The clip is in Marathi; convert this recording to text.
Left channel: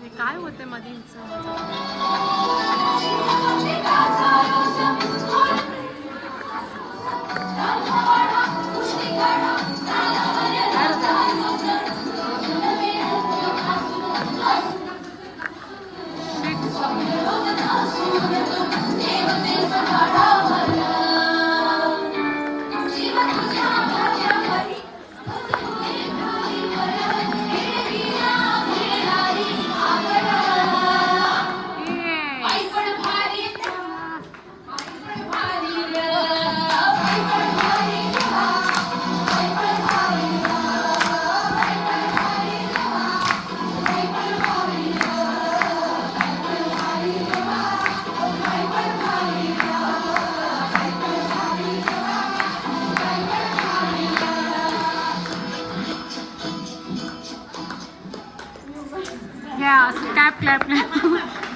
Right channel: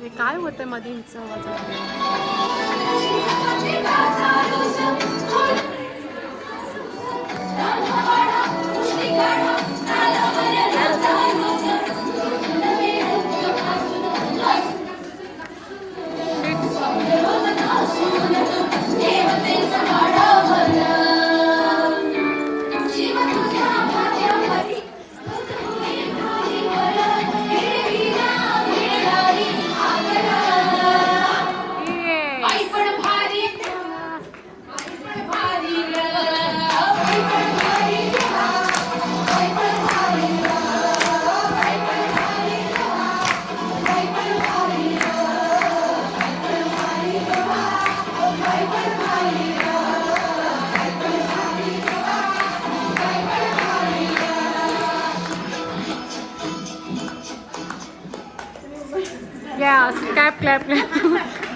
हे काय होतंयमध्ये हिचं Yeah, clap, clap, clap.